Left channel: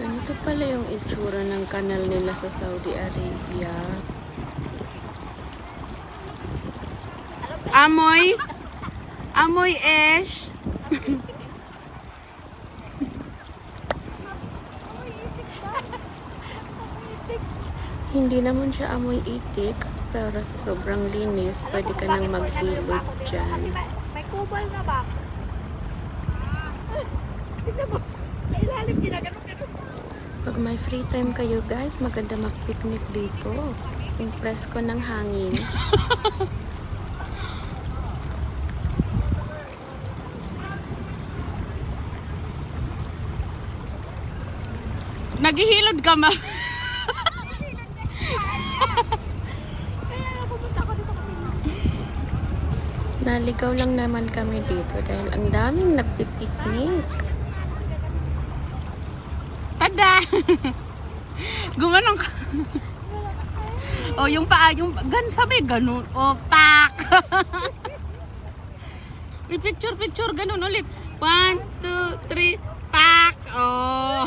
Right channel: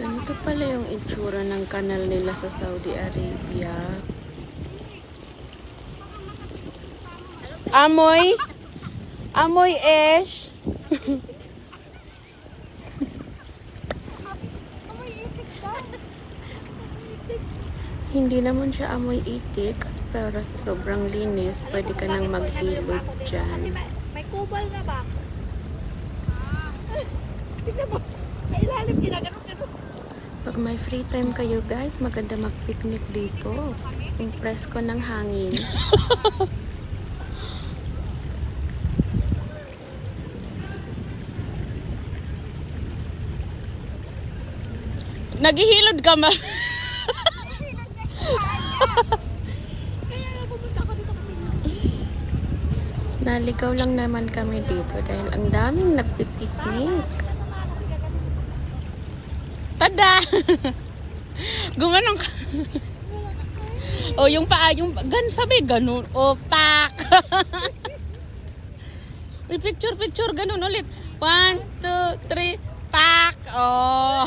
Ganito pala yung itsura ng kanal nila sa Saudi Arabia. Amoy! Amoy Esh! Hindi naman siya amoy itik, pero sa sobrang linis, pwede ka nang maghilod dyan. May kubal na ba? Tignan mo. Sa ilalim, ginagano-gano. Pag may free time kayo guys, maganda mag-picnic dito. Yung presko ng hangin. Naghihilod ka ma. Kaya nga pumunta ako dito kasi Naligaw lang naman kami dito dahil ang daming nagpipiknik. Tada! Gumanong ka. O yung paa, yung sabi ganun. O pak! I-picture ganun ulit. 1, 2, 3, pak! Oh!